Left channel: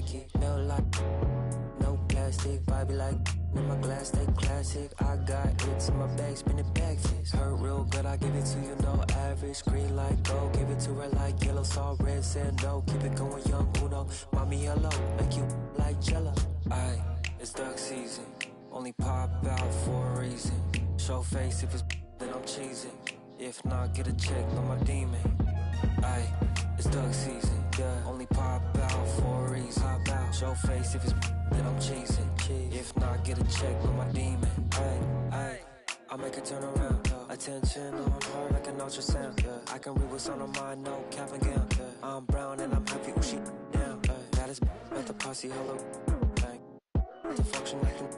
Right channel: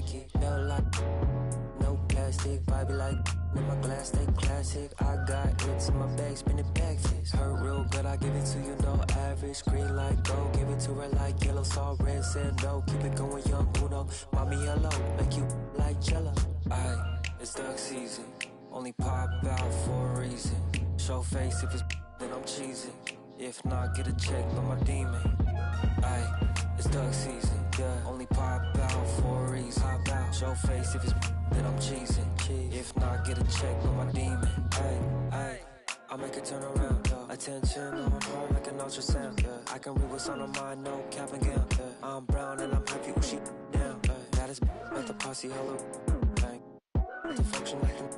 khaki. Feel like no plastic, vibey like in my glass, stay classic. I got it in my bag, spin it back fist. Hurt real good, I give it to you, no average. Green light, go, give it to her like yellow, saw red, said no. Keep it going, young Uno. Mommy yellow, make you like jello. Aye, it's duck season, only pop out for a reason. Show face if it's then I'm cheesing. If not, get a check on my demon. Aye, it's duck season, yeah. Only pop out for a reason. Pop out, show face if it's then I'm cheesing. If not, get a check on my demon. Aye, aye, I'll make it turn around. Yeah. Attention on her like an ultrasound. Yeah. I can read what's on her mind, no cap and gown. Yeah. I'm brown and I'm happy with she down. That is at the posse, hello. The function acting.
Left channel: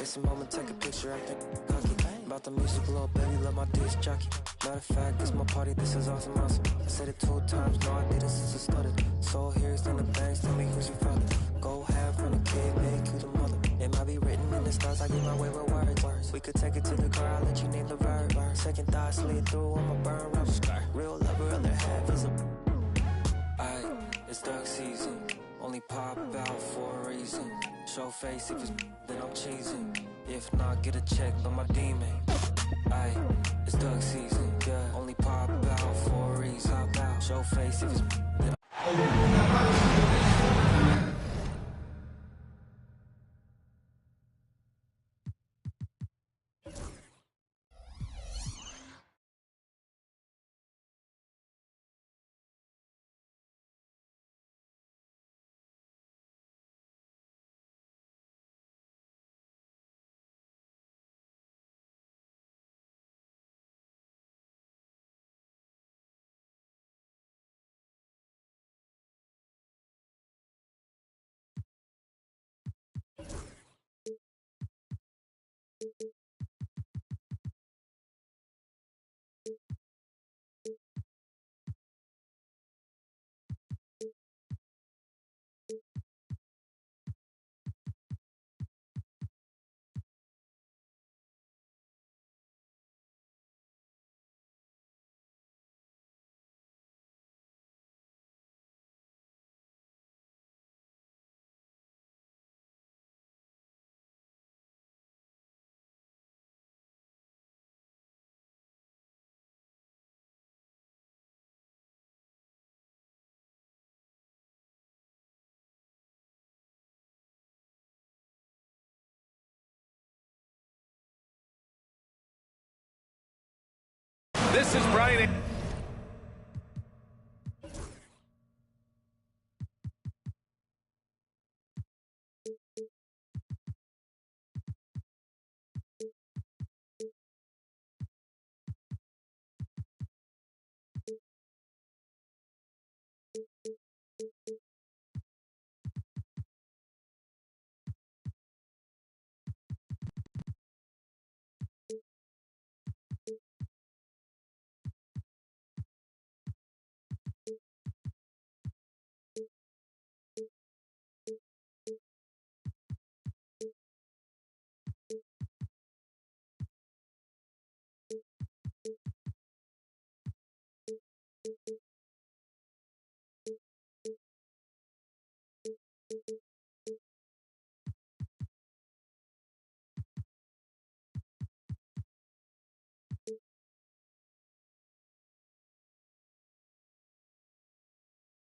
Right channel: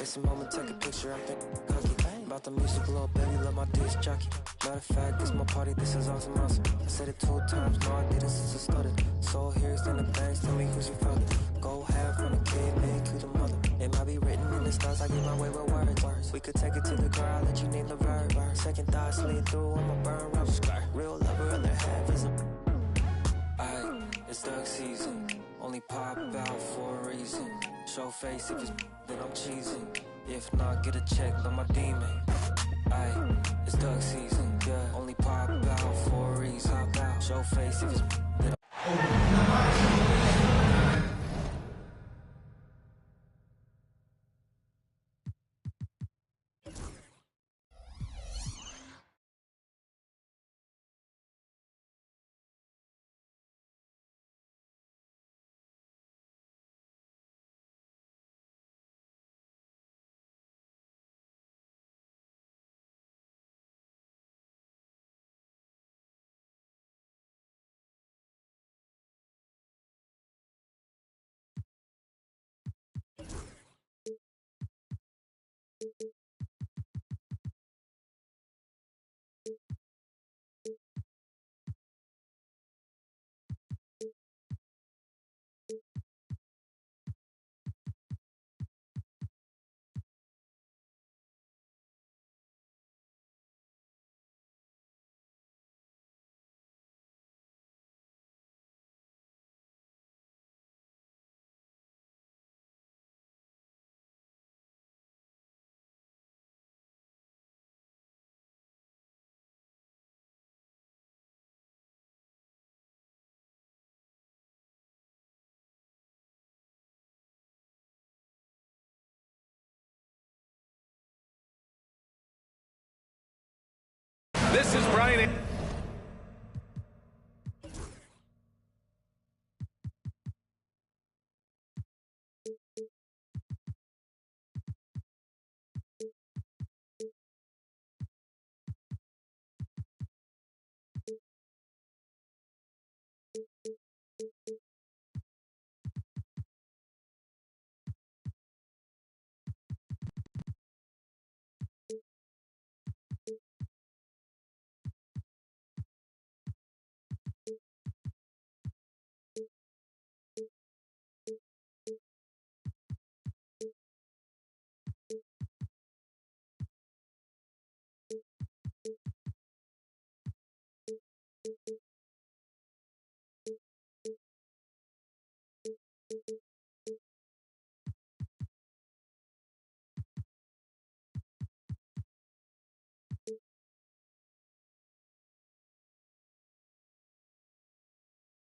It's a moment, take a picture, acting cocky. About the music, little baby, love my disc jockey. Matter of fact, this my party, this is awesome, awesome. I said it 2 times, no I didn't since I started. So here's in the bangs, tell me who's your father. Go half on the kid, make you the mother. It might be written in the stars, I get my way with words. We could take it to the car, I'll let you name the verb. Second thought, slid through on my burn rubber. Real lover, other half is a... Aye, it's duck season, only pop out for a reason. Show face if it's then I'm cheesing. If not, get a check on my demon. Aye, it's duck season, yeah. Only pop out for a reason. Pop out, show face if it's then This is Brian.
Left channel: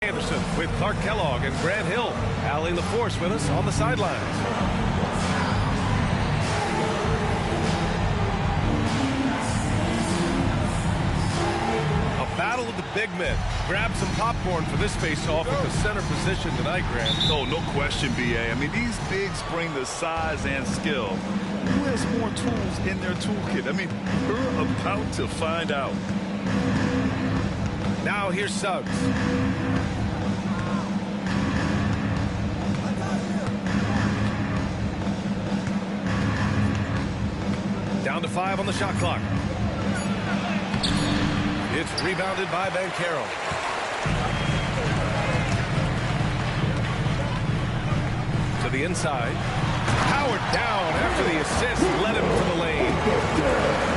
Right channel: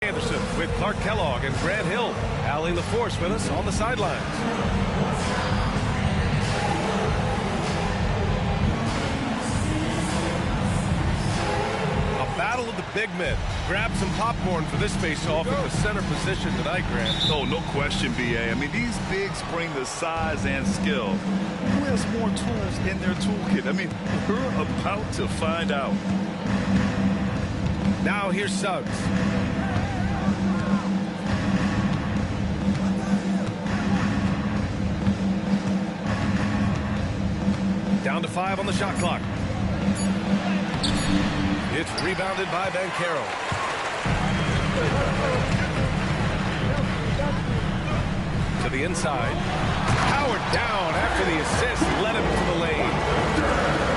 Anderson with Clark Kellogg and Grant Hill allying the force with us on the sidelines. A battle of the big men. Grab some popcorn for this face-off at the center position tonight, Grant. Oh, no question, B.A. I mean, these bigs bring the size and skill. Who has more tools in their toolkit? I mean, we're about to find out. Now here's Suggs. Down to 5 on the shot clock. It's rebounded by Banchero. To the inside. Powered down after the assist led him to the lane.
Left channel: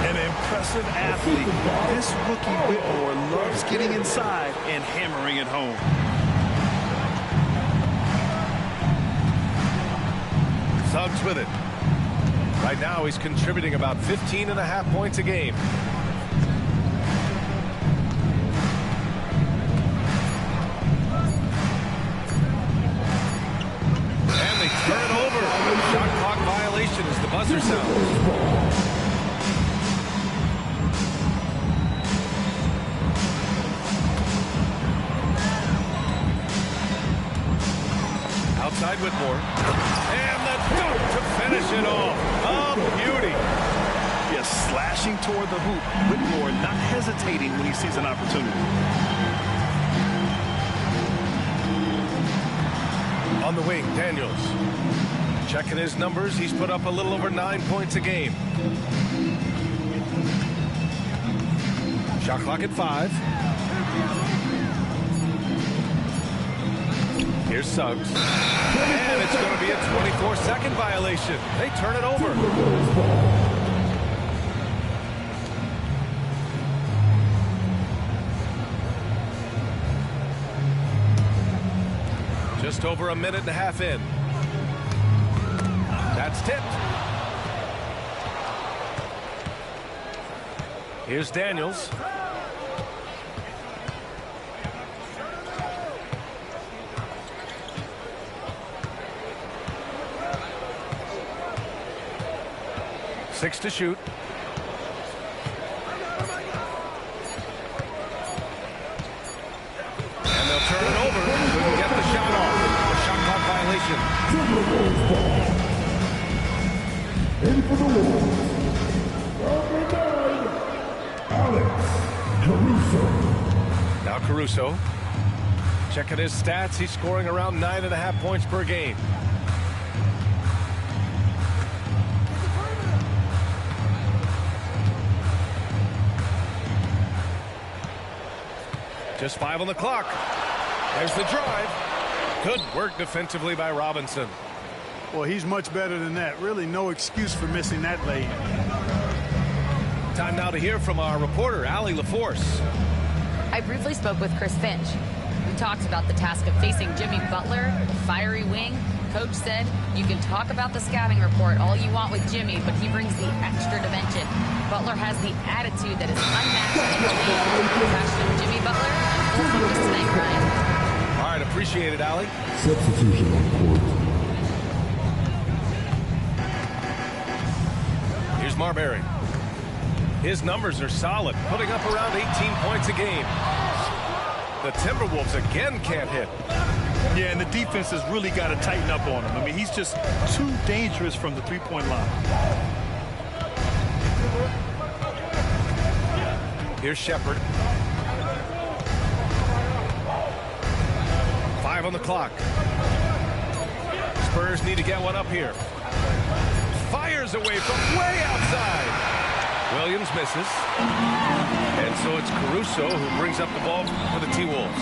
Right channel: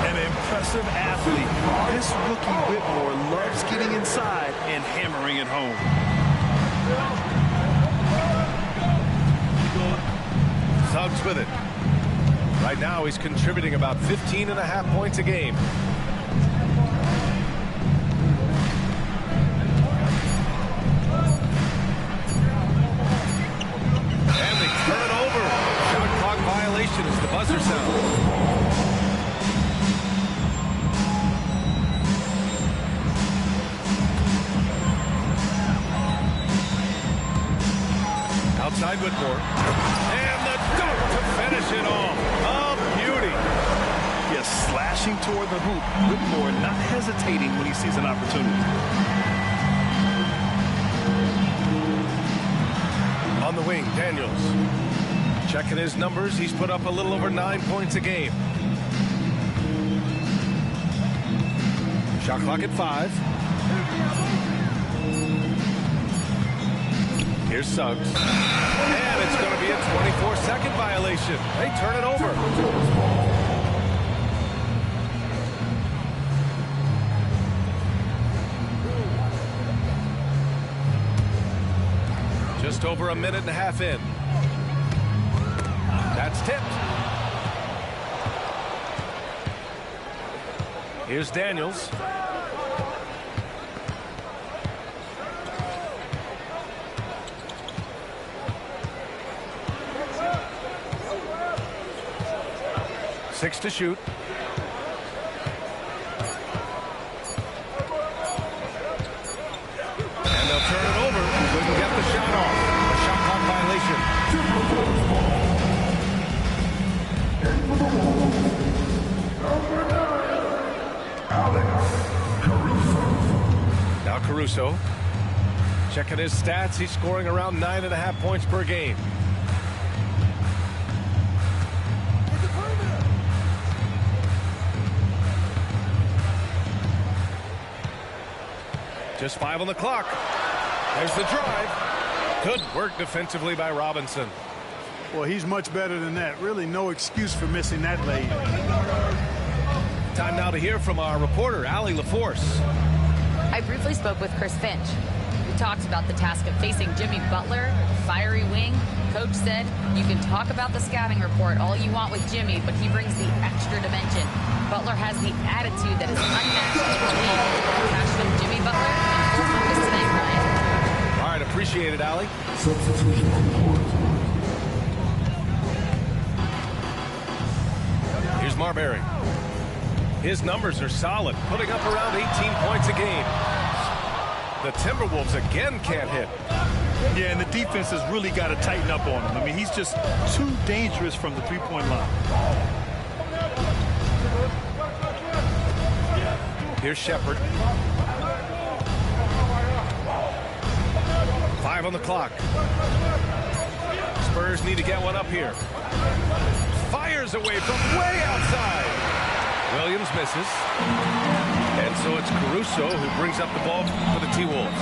An impressive athlete. This rookie Whitmore loves getting inside and hammering it home. Suggs with it. Right now he's contributing about 15.5 points a game. And they turn it over. Shot clock violation as the buzzer sounds. Outside Whitmore. And the dunk to finish it off. A beauty. Yes, slashing toward the hoop. Whitmore not hesitating when he sees an opportunity. On the wing, Daniels. Checking his numbers, he's put up a little over 9 points a game. Shot clock at 5. Here's Suggs. And it's going to be a 24-second violation. They turn it over. Just over a minute and a half in. That's tipped. Here's Daniels. Six to shoot. And they'll turn it over. Couldn't get the shot off. A shot clock violation. In for the Wolves, number 9, Alex Caruso. Now Caruso. Checking his stats. He's scoring around 9.5 points per game. Just 5 on the clock. There's the drive. Good work defensively by Robinson. Well, he's much better than that. Really no excuse for missing that lane. Time now to hear from our reporter, Allie LaForce. I briefly spoke with Chris Finch. We talked about the task of facing Jimmy Butler, the fiery wing. Coach said, you can talk about the scouting report all you want with Jimmy, but he brings the extra dimension. Butler has the attitude that is unmatched in the league. Passion of Jimmy Butler and full focus tonight, Ryan. All right, appreciate it, Allie. Substitution on court. Here's Marbury. His numbers are solid, putting up around 18 points a game. The Timberwolves again can't hit. Yeah, and the defense has really got to tighten up on him. I mean, he's just too dangerous from the three-point line. Here's Shepard. 5 on the clock. Spurs need to get one up here. Fires away from way outside. Williams misses. And so it's Caruso who brings up the ball for the T-Wolves.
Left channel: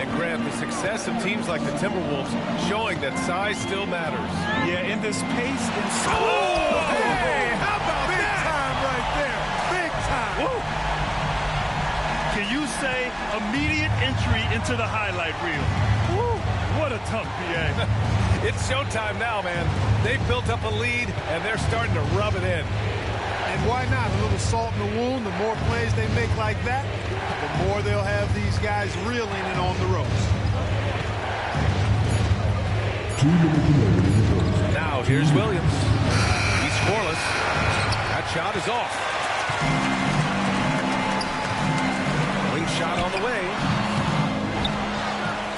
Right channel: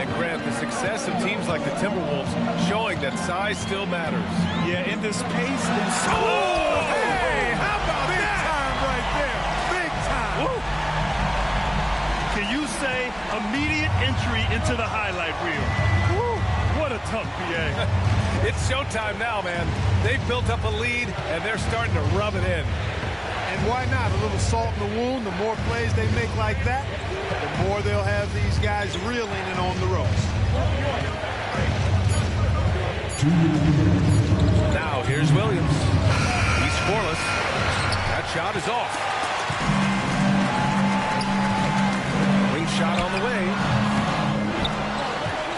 And Grant, the success of teams like the Timberwolves showing that size still matters. Yeah, in this pace and speed. Oh, hey, how about Big that? time right there. Big time. Woo. Can you say immediate entry into the highlight reel? Woo. What a tongue, BA. It's showtime now, man. They've built up a lead, and they're starting to rub it in. And why not? A little salt in the wound. The more plays they make like that, the more they'll have these guys reeling and on the ropes. Now here's Williams. He's scoreless. That shot is off. Wing shot on the way.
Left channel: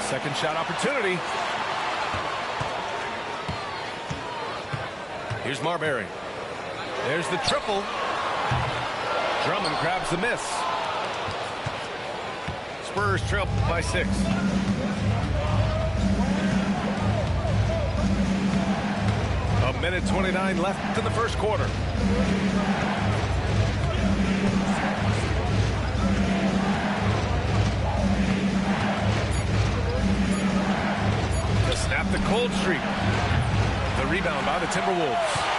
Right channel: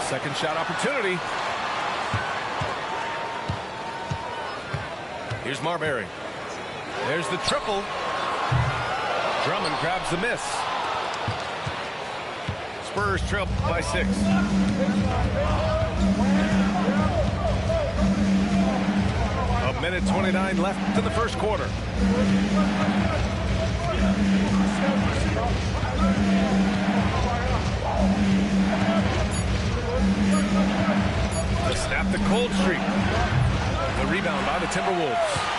Second shot opportunity. Here's Marbury. There's the triple. Drummond grabs the miss. Spurs trail by 6. A minute 29 left in the first quarter. To snap the cold streak. The rebound by the Timberwolves.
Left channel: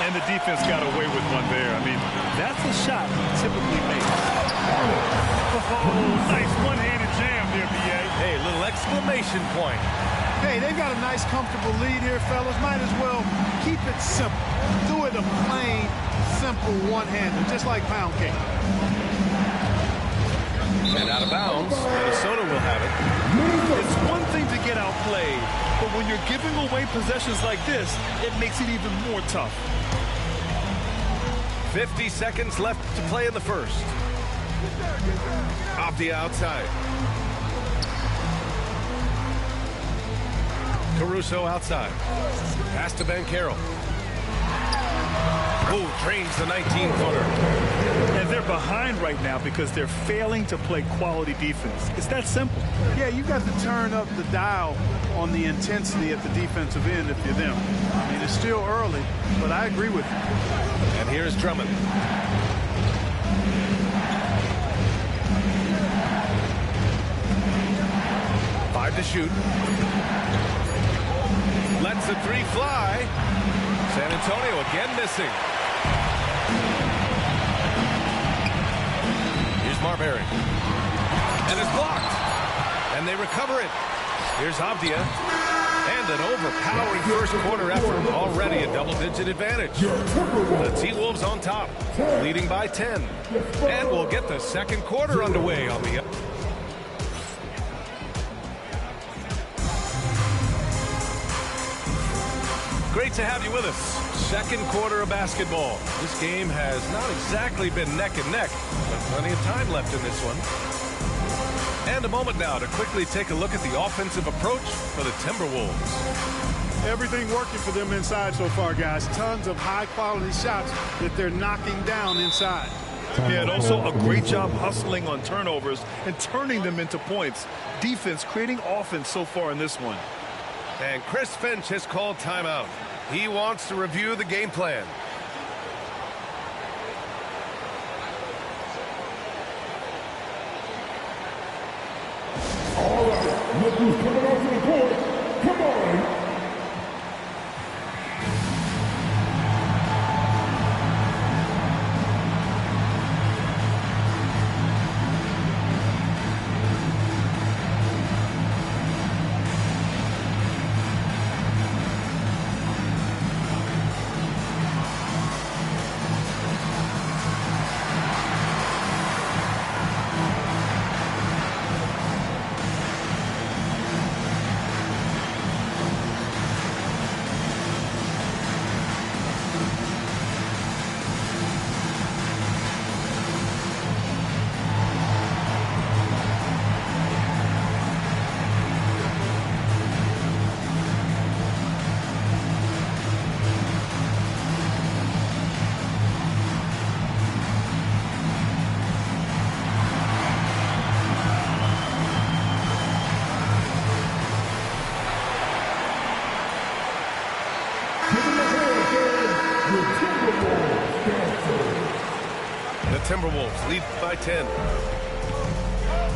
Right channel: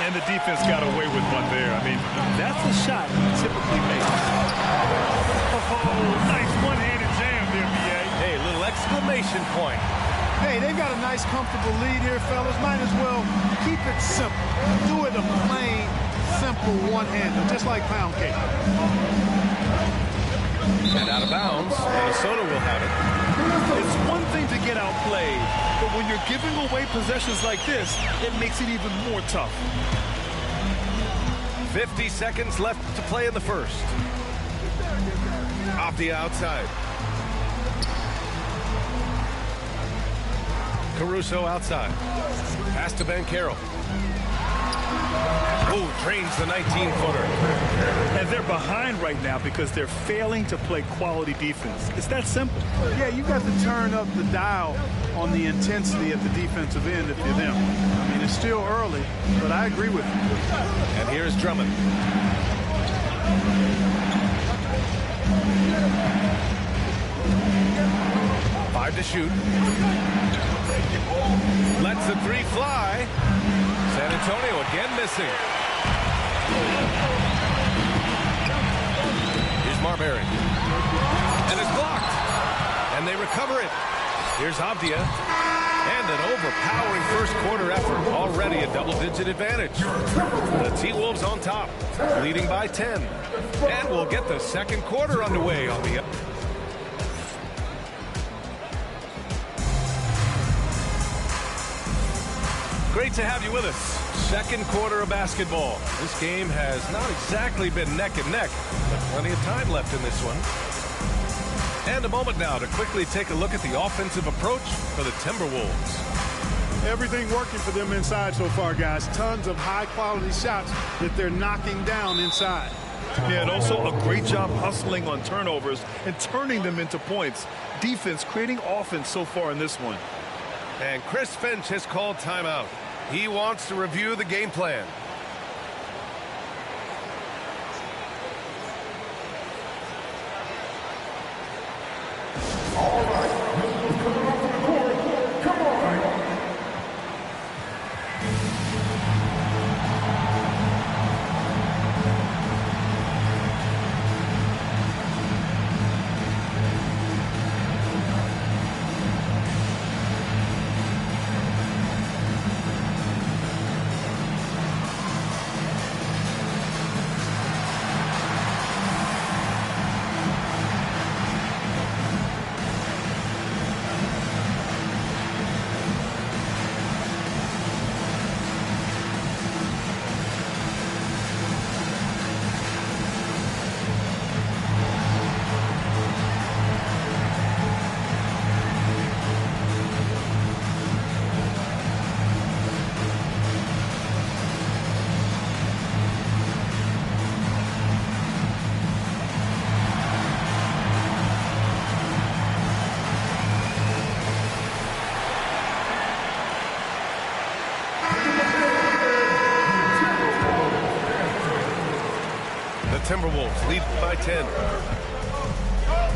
And the defense got away with one there. I mean, that's a shot he typically makes. Oh, nice one-handed jam there, BA. Hey, little exclamation point. Hey, they've got a nice, comfortable lead here, fellas. Might as well keep it simple. Do it a plain, simple one-hander, just like pound cake. And out of bounds, Minnesota will have it. It's one thing to get outplayed, but when you're giving away possessions like this, it makes it even more tough. 50 seconds left to play in the first. Off the outside. Caruso outside. Pass to Banchero. Oh, drains the 19-footer. And they're behind right now because they're failing to play quality defense. It's that simple. Yeah, you've got to turn up the dial on the intensity at the defensive end if you're them. I mean, it's still early, but I agree with you. And here's Drummond. Five to shoot. Lets the three fly. San Antonio again missing. Here's Marbury. And it's blocked. And they recover it. Here's Avdia. And an overpowering first quarter effort. Already a double-digit advantage. The T-Wolves on top, leading by 10. And we'll get the second quarter underway on the... Great to have you with us. Second quarter of basketball. This game has not exactly been neck and neck, but plenty of time left in this one. And a moment now to quickly take a look at the offensive approach for the Timberwolves. Everything working for them inside so far, guys. Tons of high-quality shots that they're knocking down inside. Yeah, and also a great job hustling on turnovers and turning them into points. Defense creating offense so far in this one. And Chris Finch has called timeout. He wants to review the game plan. All right, look who's coming onto the court. Come on. The Timberwolves lead by 10.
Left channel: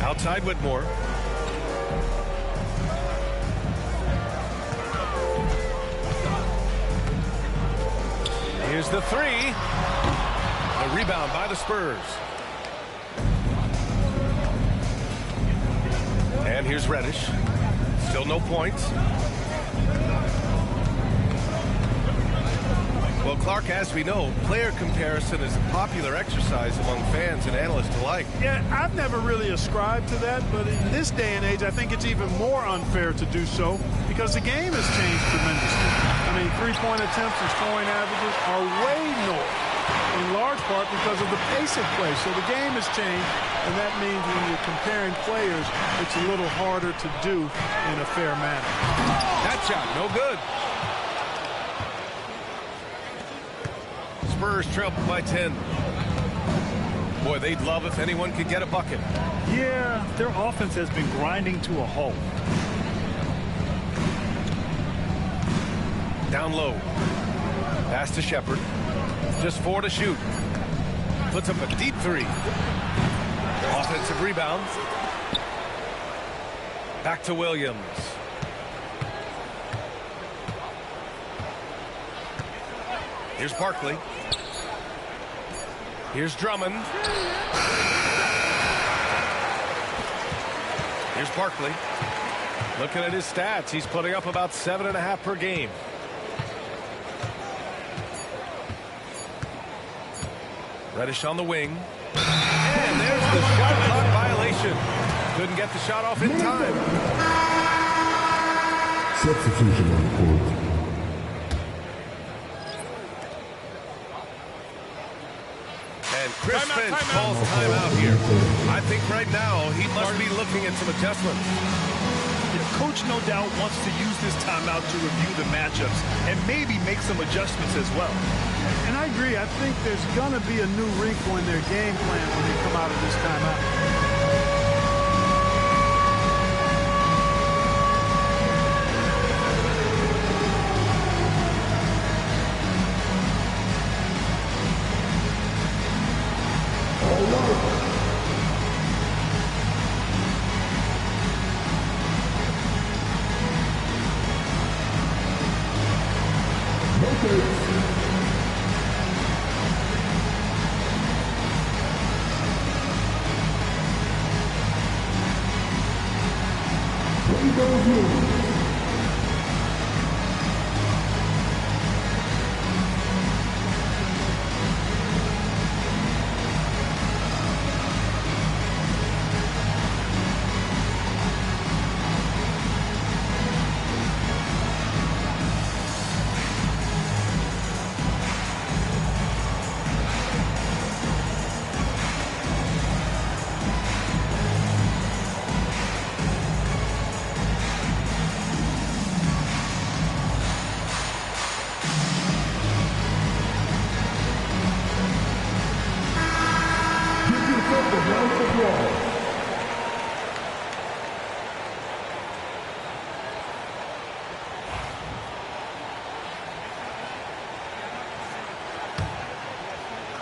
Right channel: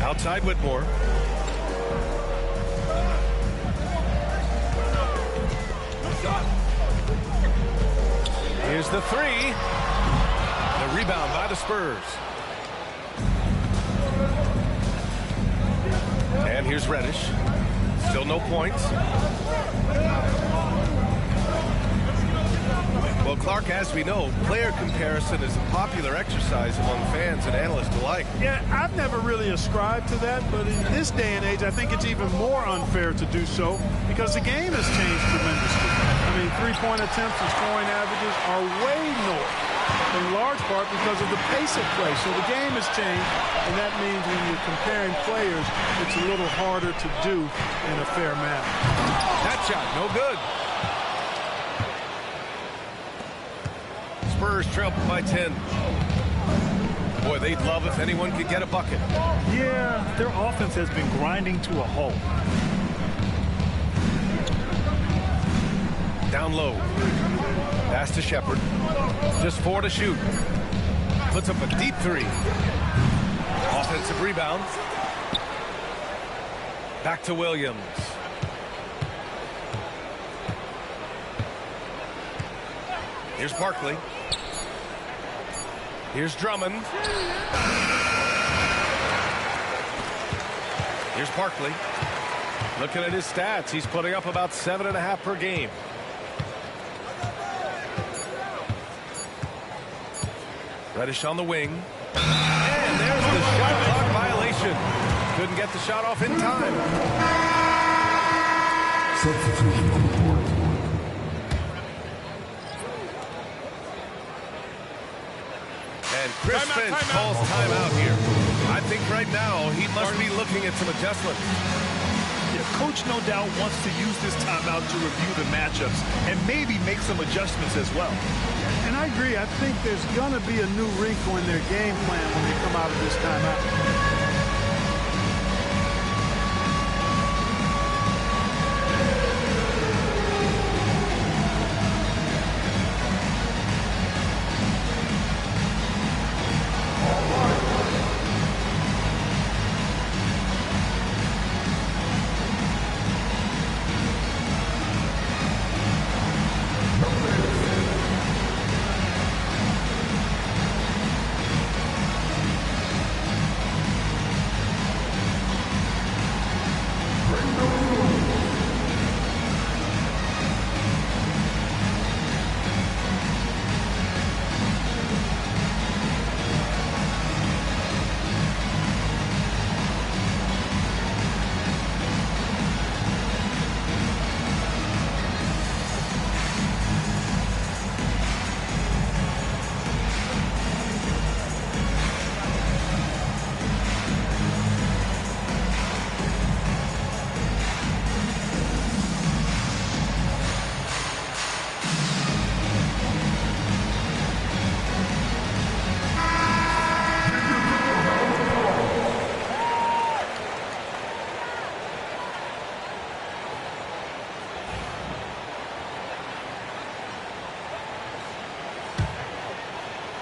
Outside Whitmore. Here's the three. The rebound by the Spurs. And here's Reddish. Still no points. Well, Clark, as we know, player comparison is a popular exercise among fans and analysts alike. Yeah, I've never really ascribed to that, but in this day and age, I think it's even more unfair to do so because the game has changed tremendously. I mean, three-point attempts and scoring averages are way north, in large part because of the pace of play. So the game has changed, and that means when you're comparing players, it's a little harder to do in a fair manner. That shot, no good. Spurs trail by 10. Boy, they'd love if anyone could get a bucket. Yeah, their offense has been grinding to a halt. Down low. Pass to Shepard. Just 4 to shoot. Puts up a deep three. Offensive rebound. Back to Williams. Here's Barkley. Here's Drummond. Here's Barkley. Looking at his stats, he's putting up about 7.5 per game. Reddish on the wing. And there's the shot clock violation. Couldn't get the shot off in time. Substitution on the court. And Chris Finch calls timeout here. I think right now he must be looking at some adjustments. Yeah, Coach no doubt wants to use this timeout to review the matchups and maybe make some adjustments as well. And I agree. I think there's going to be a new wrinkle in their game plan when they come out of this timeout.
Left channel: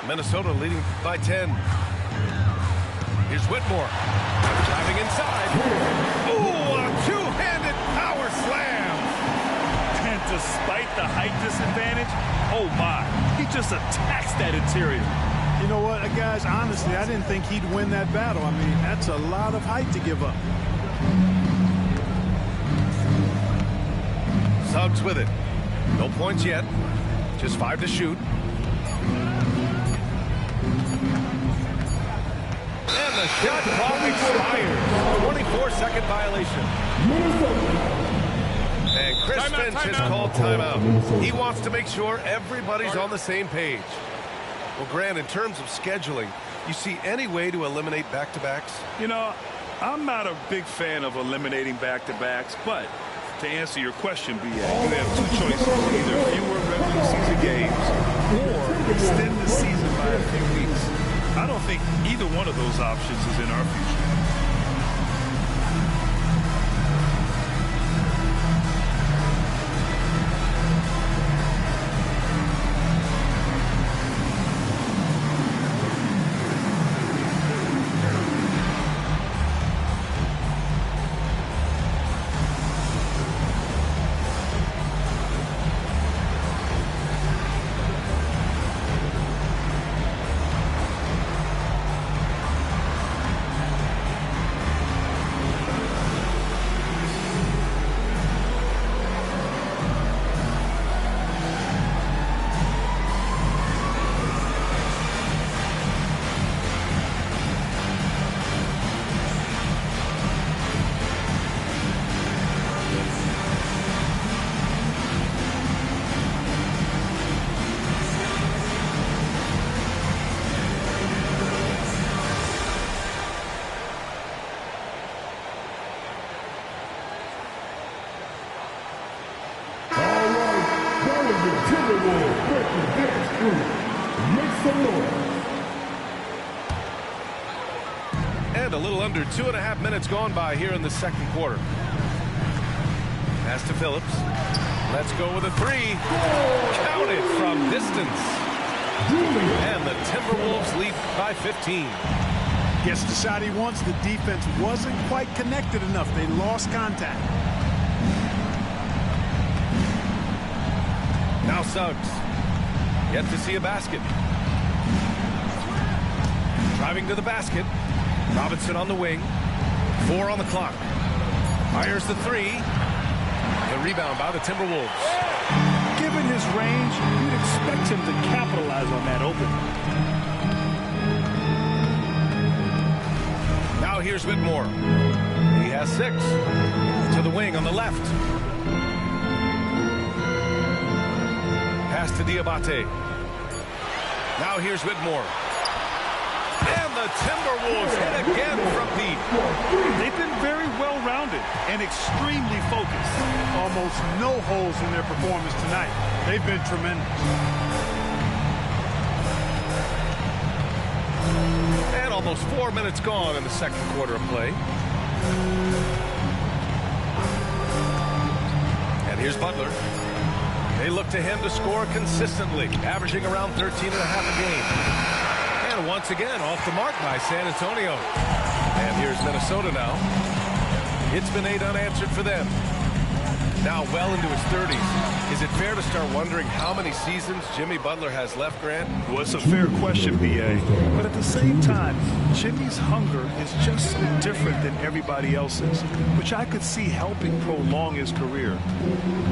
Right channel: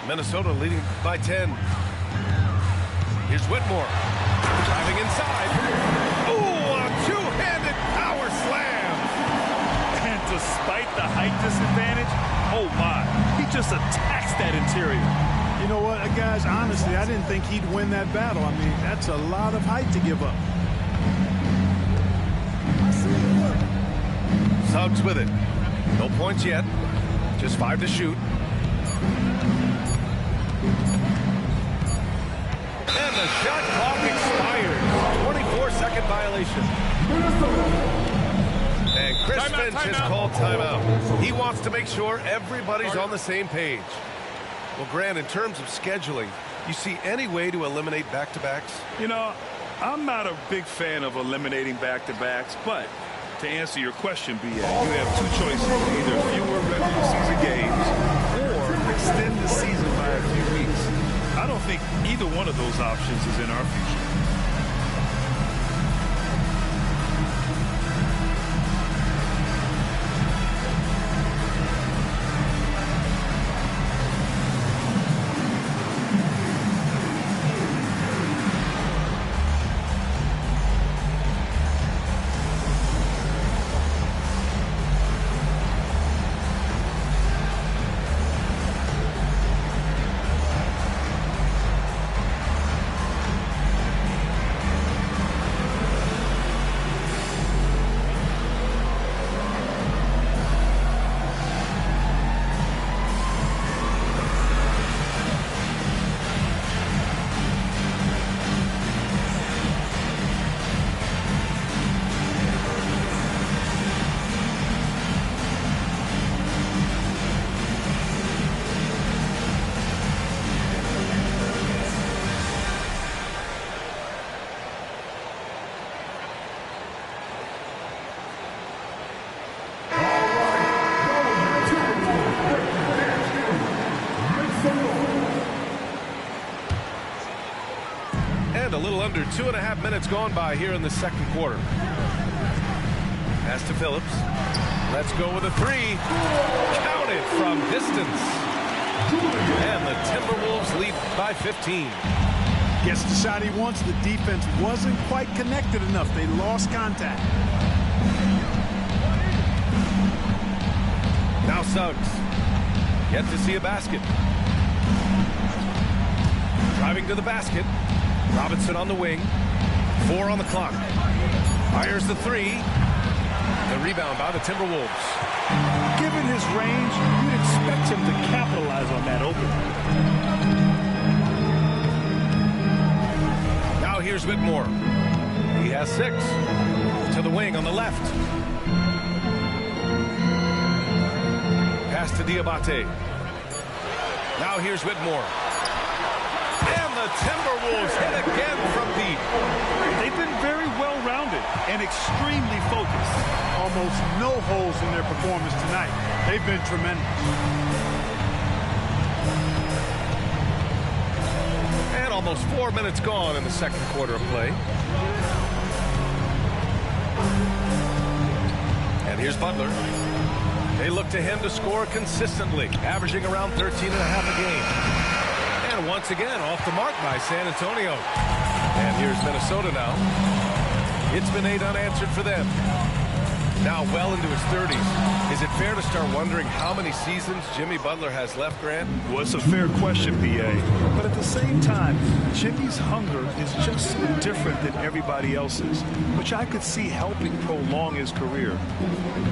Minnesota leading by 10. Here's Whitmore. Driving inside. Ooh, a two-handed power slam. And despite the height disadvantage, oh my, he just attacks that interior. You know what, guys, honestly, I didn't think he'd win that battle. I mean, that's a lot of height to give up. Suggs with it. No points yet. Just 5 to shoot. And the shot clock expires. 24-second violation. And Chris Finch has called timeout. He wants to make sure everybody's on the same page. Well, Grant, in terms of scheduling, you see any way to eliminate back-to-backs? You know, I'm not a big fan of eliminating back-to-backs, but to answer your question, B.A., you have two choices. Either fewer regular season games or extend the season by a few weeks. I don't think either one of those options is in our future. And a little under 2.5 minutes gone by here in the second quarter. Pass to Phillips. Let's go with a three. Counted from distance. And the Timberwolves lead by 15. Gets the shot he wants. The defense wasn't quite connected enough. They lost contact. Now Suggs. Yet to see a basket. Driving to the basket. Robinson on the wing. 4 on the clock. Fires the three. The rebound by the Timberwolves. Given his range, you'd expect him to capitalize on that open. Now here's Whitmore. He has 6. To the wing on the left. Pass to Diabate. Now here's Whitmore. And the Timberwolves hit again from deep. They've been very well-rounded and extremely focused. Almost no holes in their performance tonight. They've been tremendous. And almost 4 minutes gone in the second quarter of play. And here's Butler. They look to him to score consistently, averaging around 13.5 a game. And once again, off the mark by San Antonio. And here's Minnesota now. It's been 8 unanswered for them. Now well into his 30s. Is it fair to start wondering how many seasons Jimmy Butler has left, Grant? Well, it's a fair question, B.A. But at the same time, Jimmy's hunger is just so different than everybody else's, which I could see helping prolong his career.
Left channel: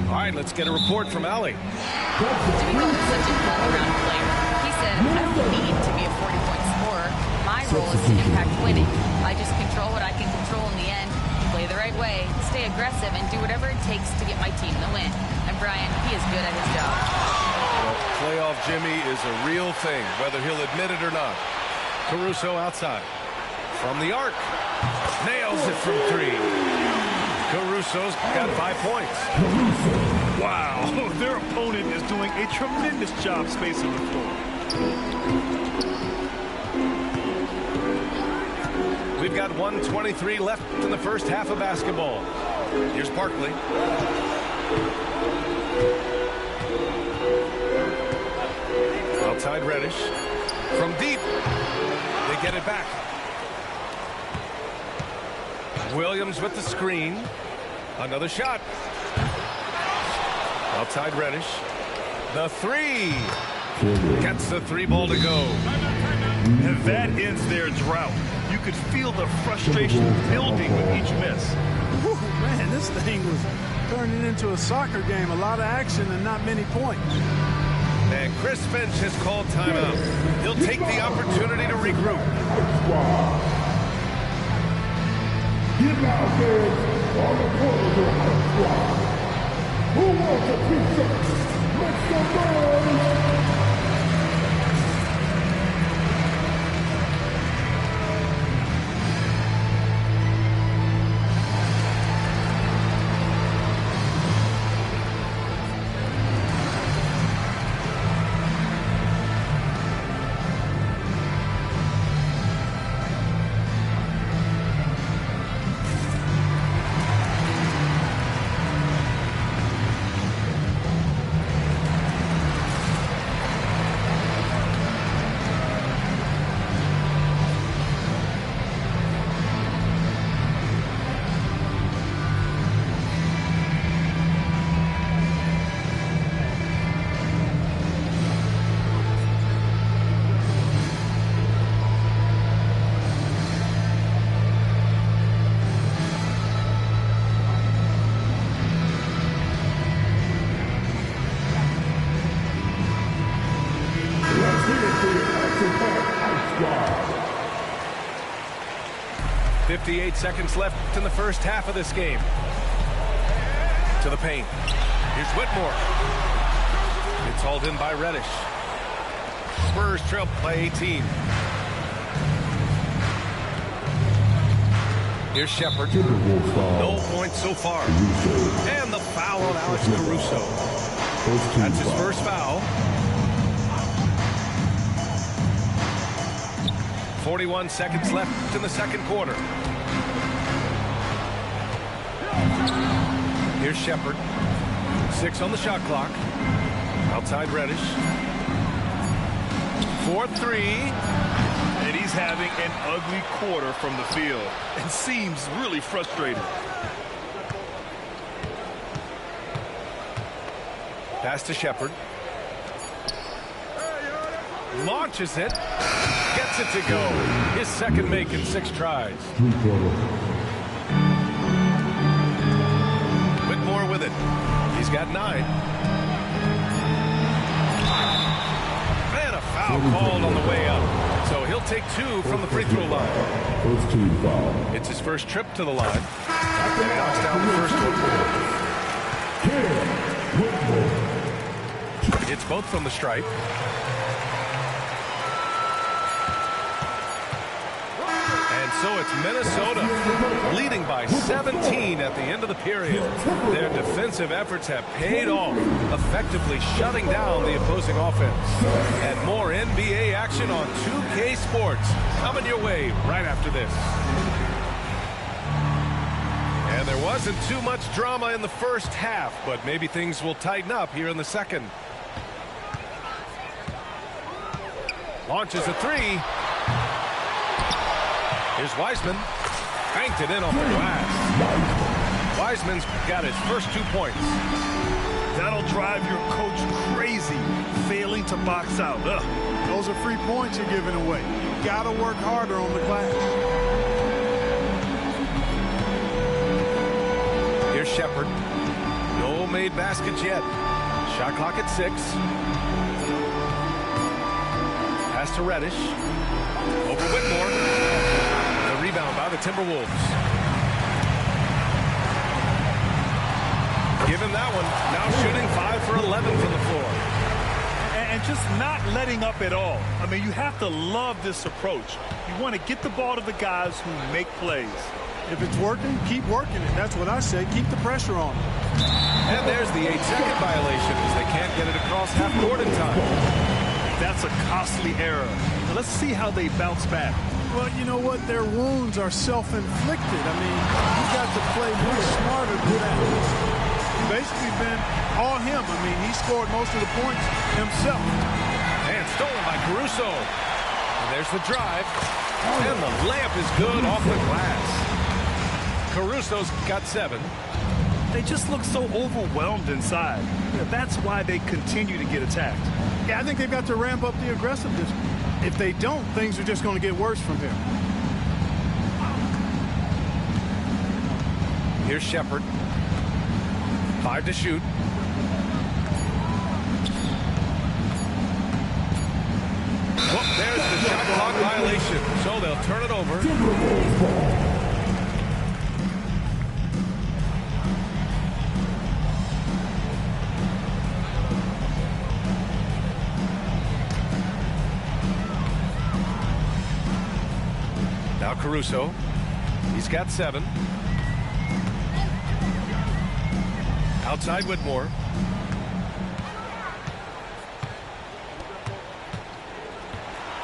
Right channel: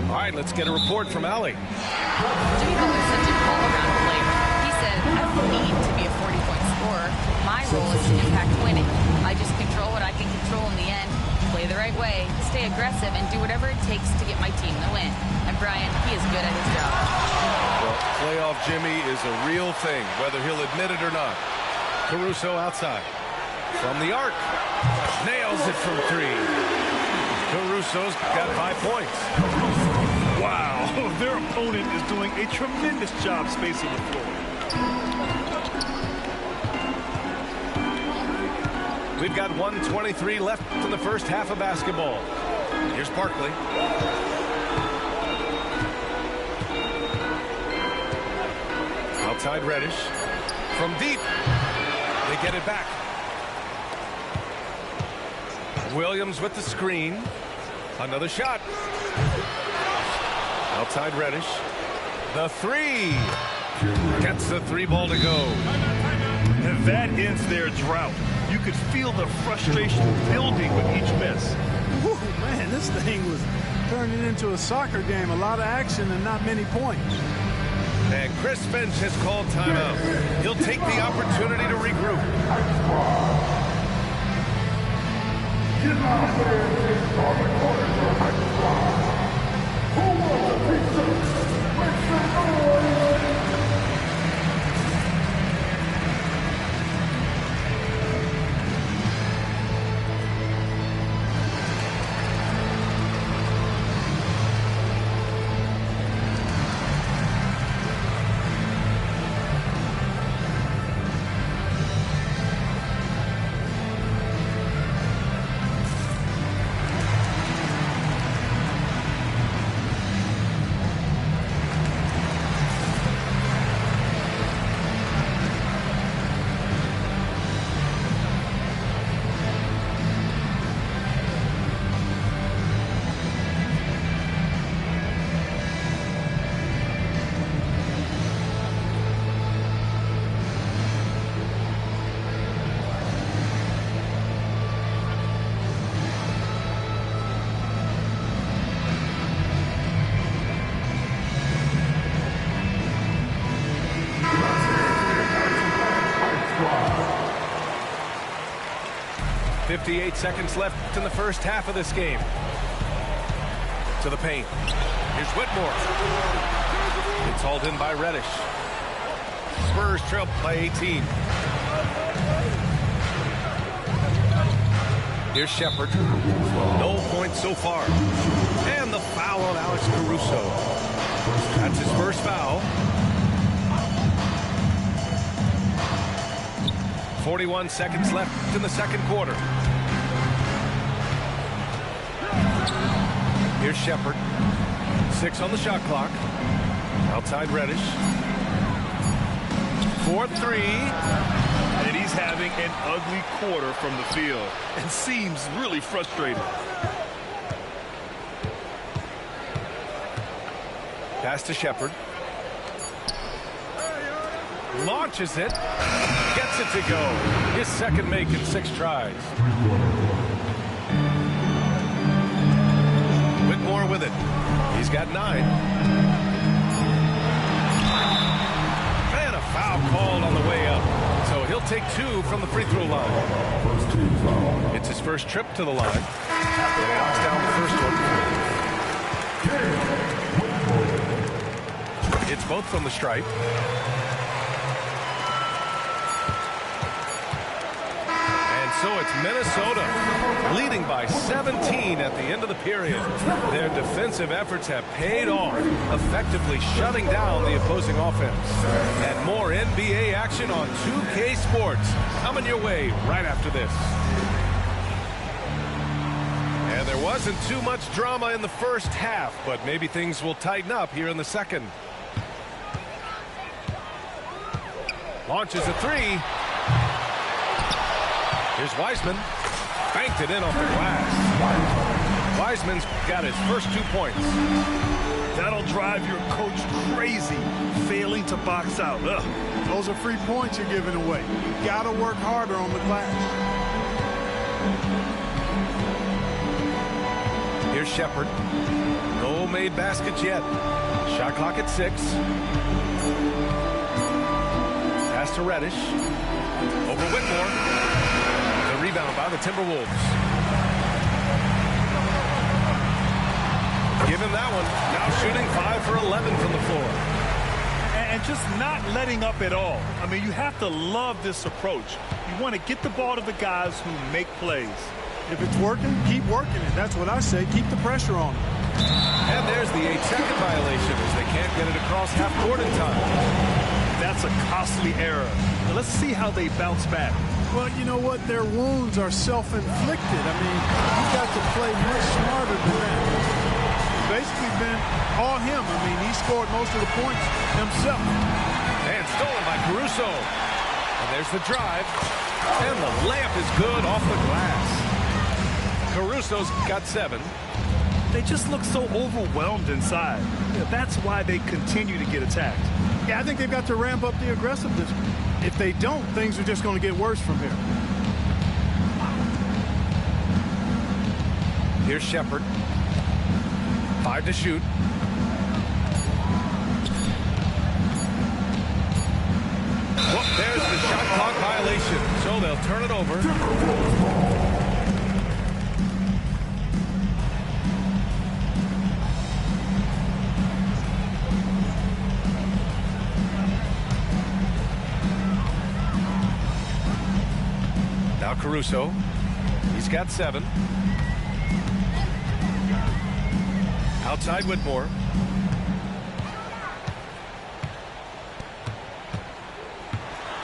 All right, let's get a report from Allie. Jimmy Butler's such an all-around player. He said, I don't need to be a 40-point scorer. My role is to impact winning. I just control what I can control in the end, play the right way, stay aggressive, and do whatever it takes to get my team the win. And Brian, he is good at his job. Well, playoff Jimmy is a real thing, whether he'll admit it or not. Caruso outside. From the arc. Nails it from 3. Caruso's got 5 points. Wow, their opponent is doing a tremendous job spacing the floor. We've got 1:23 left in the first half of basketball. Here's Barkley. Outside Reddish. From deep. They get it back. Williams with the screen. Another shot. Outside Reddish. The 3. Gets the 3 ball to go. And that ends their drought. You could feel the frustration building with each miss. Whew, man, this thing was turning into a soccer game. A lot of action and not many points. And Chris Finch has called timeout. He'll take the opportunity to regroup. Give out here on the corners of the squad. Who wants a piece of it? Make some noise. squad. 58 seconds left in the first half of this game. To the paint. Here's Whitmore. It's hauled in by Reddish. Spurs trail by 18. Here's Shepherd. No points so far. And the foul on Alex Caruso. That's his first foul. 41 seconds left in the second quarter. Here's Shepherd. 6 on the shot clock. Outside Reddish. 4-3. And he's having an ugly quarter from the field and seems really frustrated. Pass to Shepherd. Launches it. Gets it to go. His second make in 6 tries. with it. He's got 9. And a foul called on the way up. So he'll take 2 from the free throw line. First team foul. It's his first trip to the line. And he knocks down the first one. It's both from the stripe. And so it's Minnesota leading by 17 at the end of the period. Their defensive efforts have paid off, effectively shutting down the opposing offense. And more NBA action on 2K Sports coming your way right after this. And there wasn't too much drama in the first half, but maybe things will tighten up here in the second. Launches a 3. Here's Wiseman. Banked it in off the glass. Wiseman's got his first 2 points. That'll drive your coach crazy, failing to box out. Ugh. Those are free points you're giving away. You got to work harder on the glass. Here's Shepard. No made baskets yet. Shot clock at 6. Pass to Reddish. Over Whitmore. The rebound by the Timberwolves. Give him that one. Now shooting 5 for 11 from the floor. And just not letting up at all. I mean, you have to love this approach. You want to get the ball to the guys who make plays. If it's working, keep working it. That's what I say. Keep the pressure on them. And there's the 8-second violation as they can't get it across half court in time. That's a costly error. Now let's see how they bounce back. Well, you know what? Their wounds are self-inflicted. I mean, you've got to play much smarter than that. It's basically been all him. I mean, he scored most of the points himself. And stolen by Caruso. And there's the drive. And the layup is good off the glass. Caruso's got 7. They just look so overwhelmed inside. Yeah, that's why they continue to get attacked. Yeah, I think they've got to ramp up the aggressiveness. If they don't, things are just going to get worse from here. Here's Shepard. 5 to shoot. Well, there's the shot clock violation. So they'll turn it over. Now Caruso. He's got 7. Outside Whitmore.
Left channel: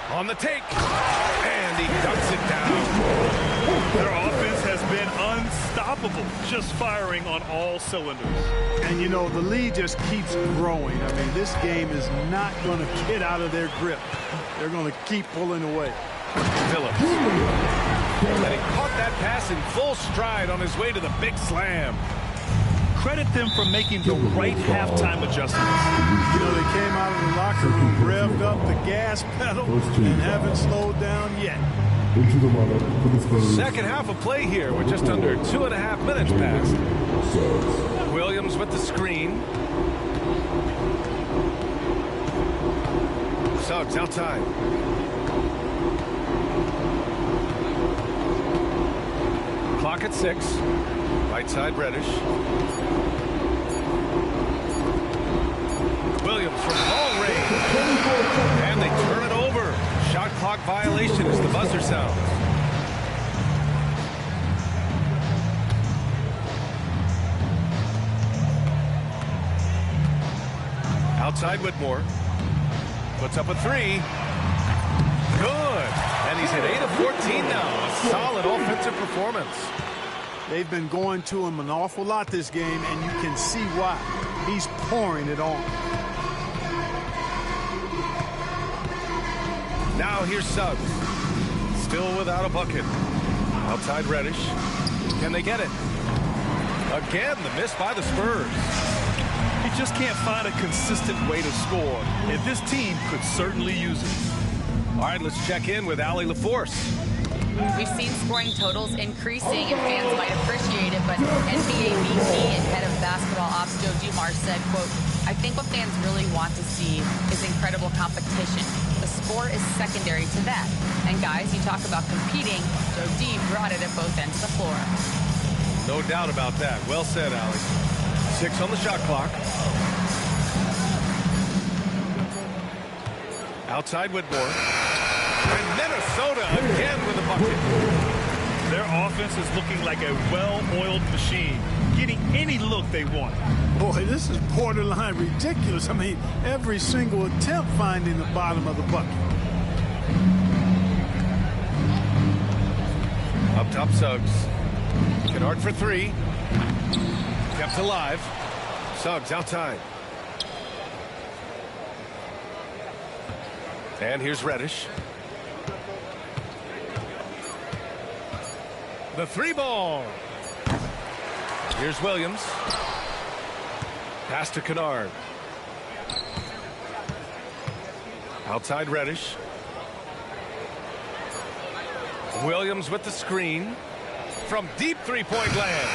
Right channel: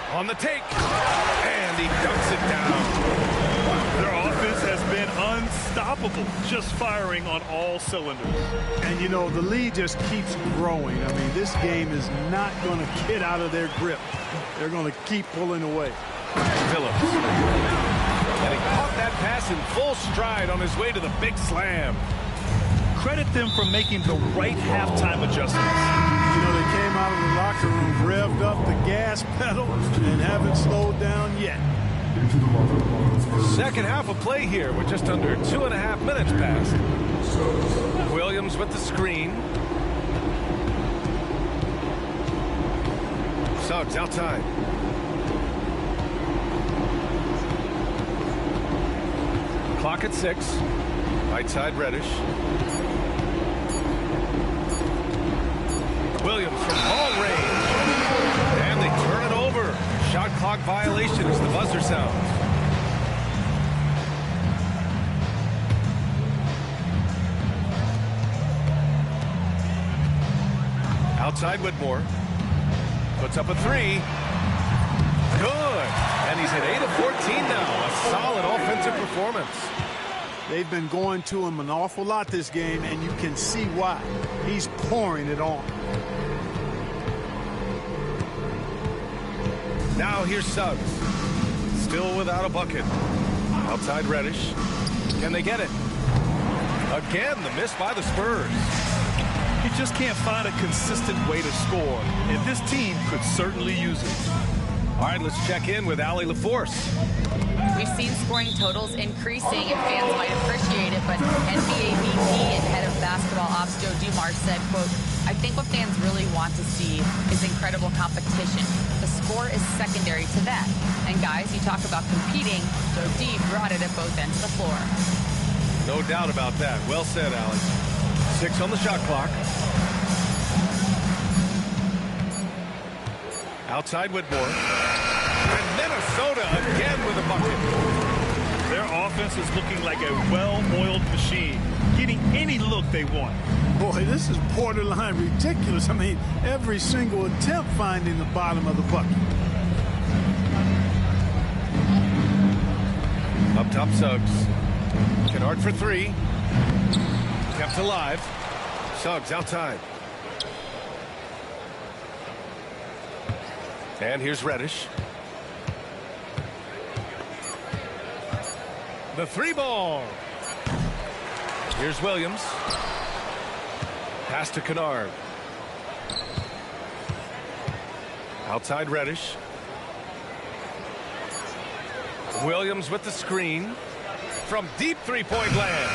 On the take. And he dunks it down. Their offense has been unstoppable, just firing on all cylinders. And, you know, the lead just keeps growing. I mean, this game is not going to get out of their grip. They're going to keep pulling away. Phillips. And he caught that pass in full stride on his way to the big slam. Credit them for making the right halftime adjustments. You know, they came out of the locker room, revved up the gas pedal, and haven't slowed down yet. Second half of play here with just under 2.5 minutes passed. Williams with the screen. Suggs outside. Clock at 6. Right side Reddish. Williams from long range. And they turn it over. Shot clock violation as the buzzer sounds. Outside Whitmore. Puts up a 3. Good. And he's hit 8 of 14 now. A solid offensive performance. They've been going to him an awful lot this game, and you can see why. He's pouring it on. Now here's Suggs. Still without a bucket. Outside Reddish. Can they get it? Again, the miss by the Spurs. He just can't find a consistent way to score, and this team could certainly use it. All right, let's check in with Allie LaForce. We've seen scoring totals increasing and fans might appreciate it, but NBA VP and head of basketball ops Joe Dumars said, quote, I think what fans really want to see is incredible competition. The score is secondary to that. And guys, you talk about competing, Joe D brought it at both ends of the floor. No doubt about that. Well said, Allie. 6 on the shot clock. Outside Whitmore. And Minnesota again with a bucket. Their offense is looking like a well-oiled machine, getting any look they want. Boy, this is borderline ridiculous. I mean, every single attempt finding the bottom of the bucket. Up top, Suggs. Kennard for 3. Kept alive. Suggs outside. And here's Reddish. The 3 ball. Here's Williams. Pass to Kennard. Outside Reddish. Williams with the screen. From deep three-point land.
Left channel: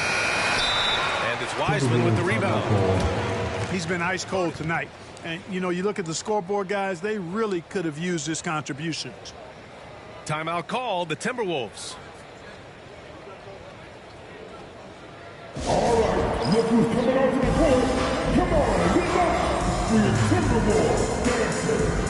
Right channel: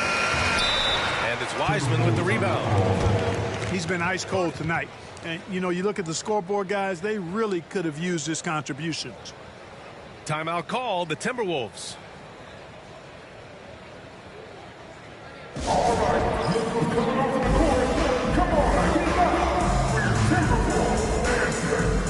And it's Wiseman with the rebound. He's been ice cold tonight. And, you know, you look at the scoreboard, guys, they really could have used his contributions. Timeout called, the Timberwolves. All right, look who's coming off the court. Come on, get up for your Timberwolves dancer.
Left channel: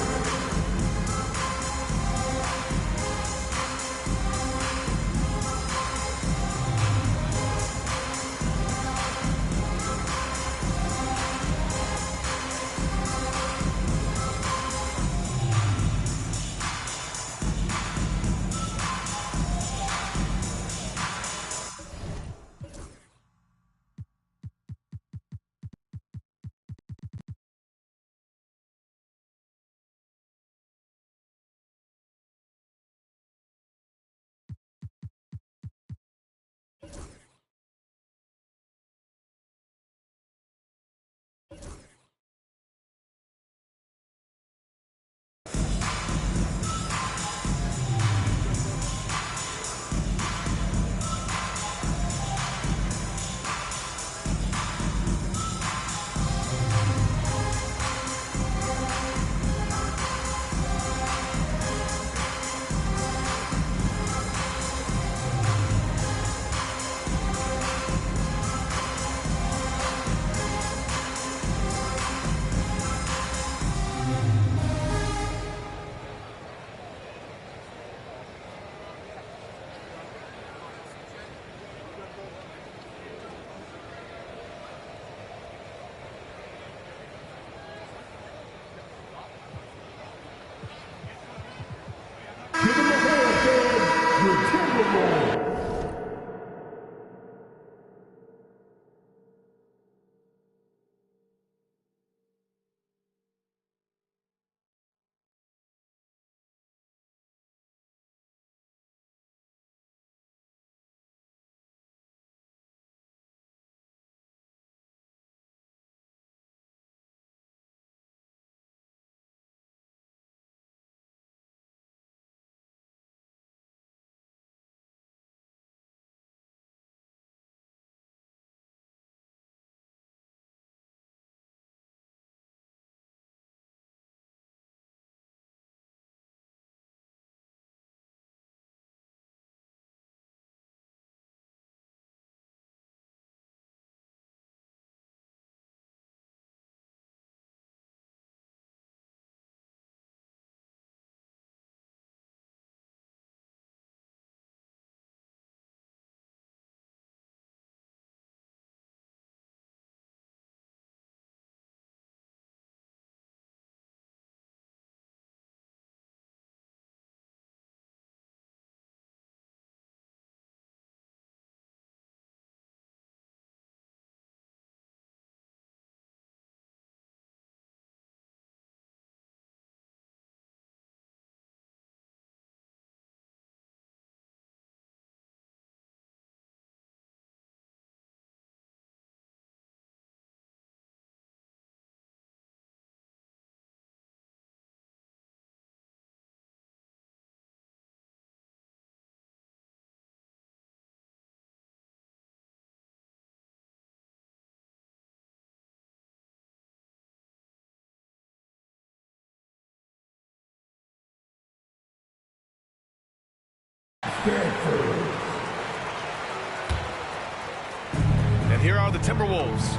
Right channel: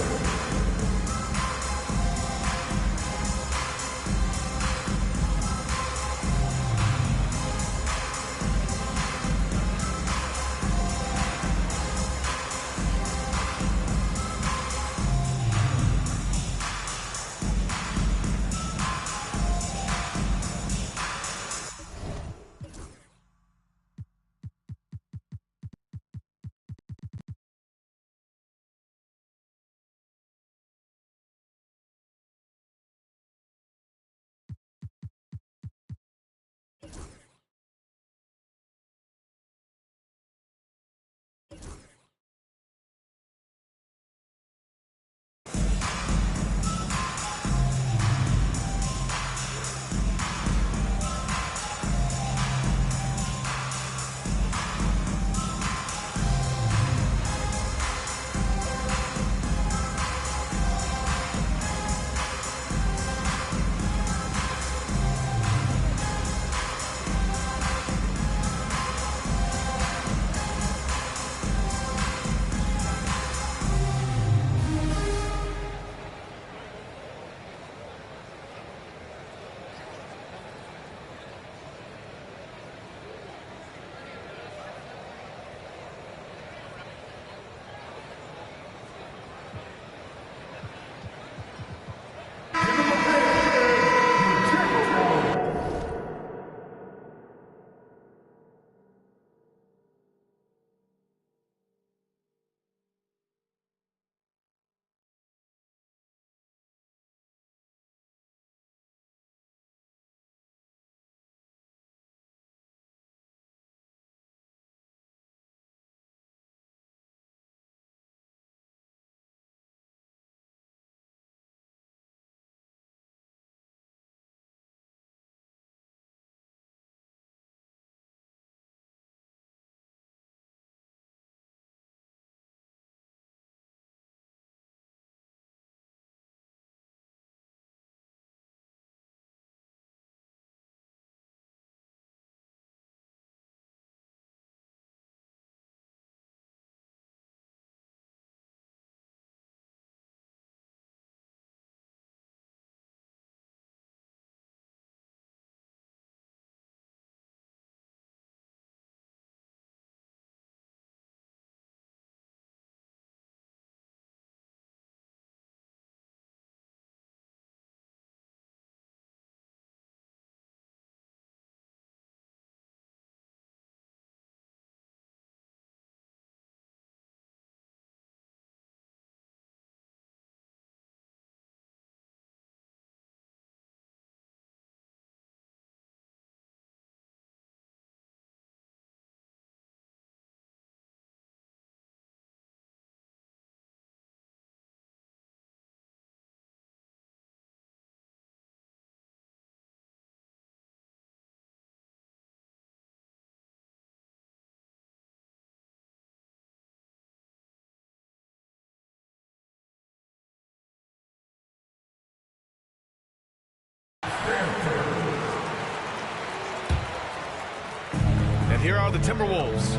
And here are the Timberwolves.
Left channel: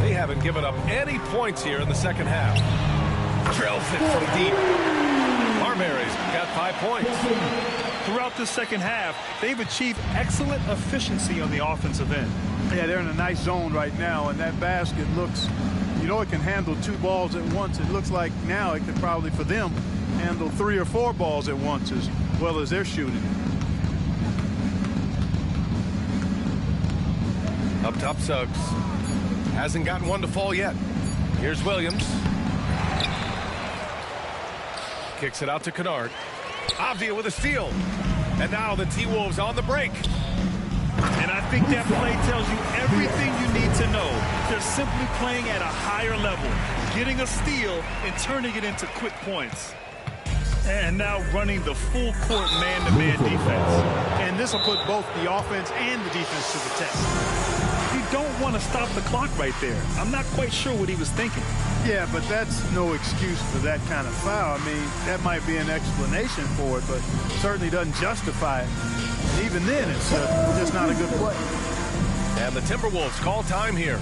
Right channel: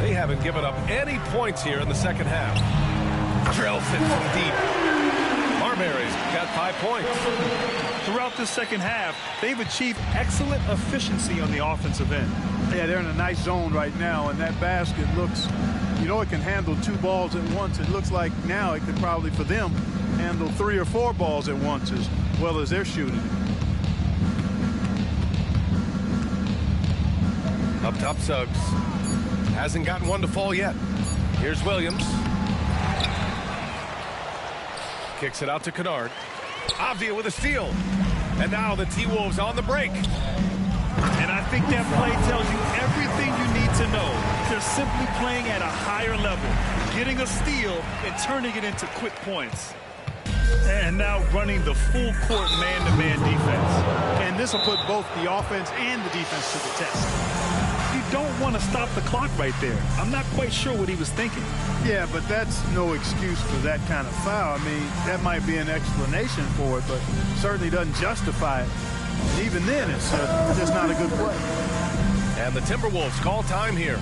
They haven't given up any points here in the second half. Drills it from deep. Marbury's got 5 points. Throughout the second half, they've achieved excellent efficiency on the offensive end. Yeah, they're in a nice zone right now, and that basket looks, you know, it can handle 2 balls at once. It looks like now it could probably, for them, handle 3 or 4 balls at once as well as they're shooting. Up top, Suggs. Hasn't gotten one to fall yet. Here's Williams. Kicks it out to Kennard. Avdia with a steal. And now the T-Wolves on the break. And I think that play tells you everything you need to know. They're simply playing at a higher level, getting a steal and turning it into quick points. And now running the full court man-to-man defense. And this will put both the offense and the defense to the test. You don't want to stop the clock right there. I'm not quite sure what he was thinking. Yeah, but that's no excuse for that kind of foul. I mean, that might be an explanation for it, but certainly doesn't justify it. And even then, it's just not a good play. And the Timberwolves call time here.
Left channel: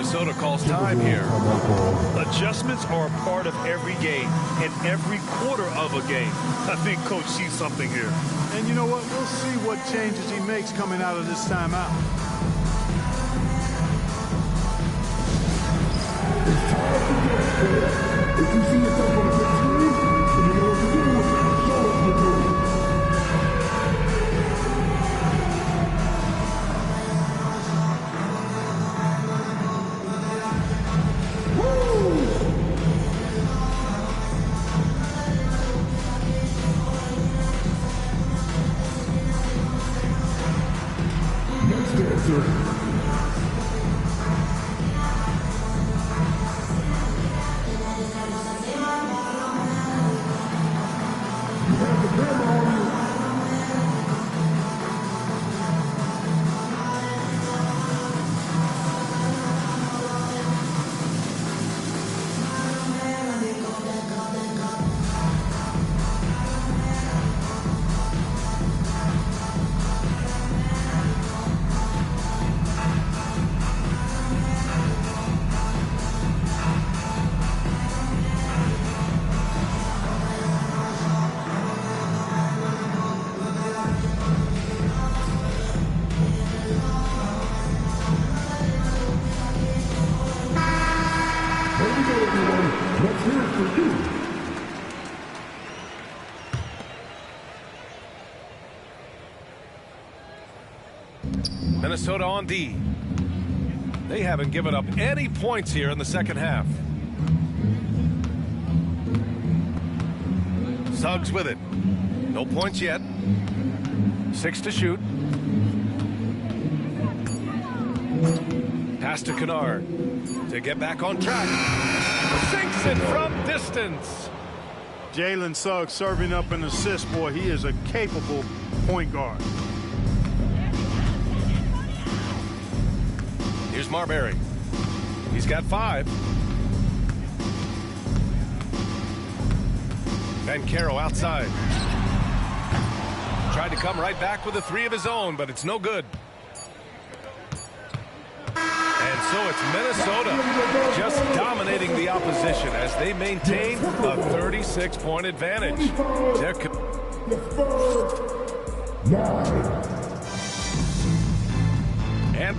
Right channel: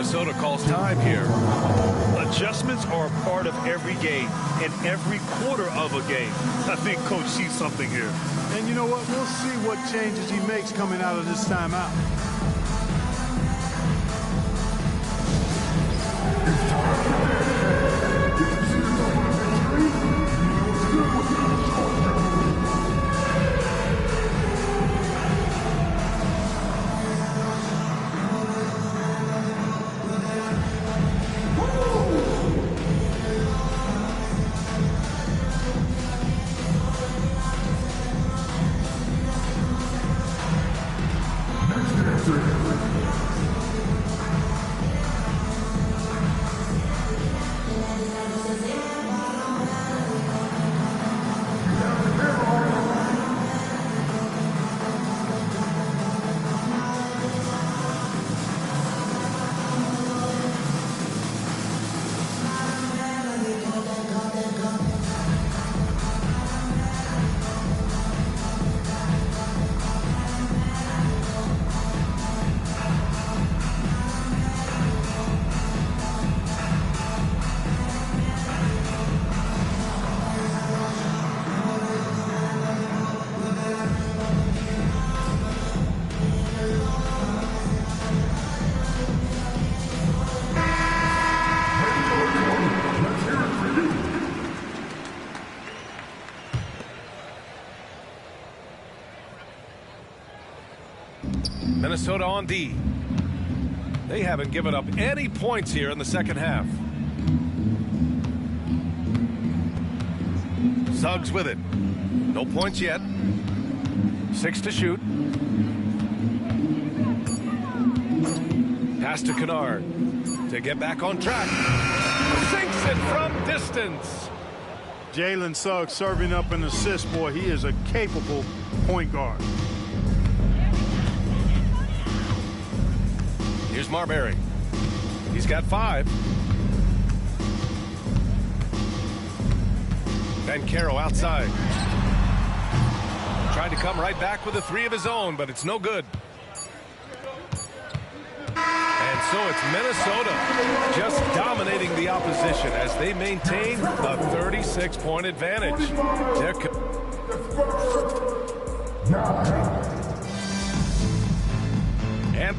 Minnesota calls time here. Adjustments are a part of every game and every quarter of a game. I think Coach sees something here. And you know what? We'll see what changes he makes coming out of this timeout. It's time for the NFL. If you see yourself on a victory, then you know what to do. Show us your move. Next answer. Let's hear it for you. Minnesota on D. They haven't given up any points here in the second half. Suggs with it. No points yet. 6 to shoot. Pass to Kennard to get back on track. Sinks it from distance. Jalen Suggs serving up an assist, boy. He is a capable point guard. Here's Marbury. He's got 5. Banchero outside. Tried to come right back with a 3 of his own, but it's no good. And so it's Minnesota just dominating the opposition as they maintain a 36-point advantage. They're and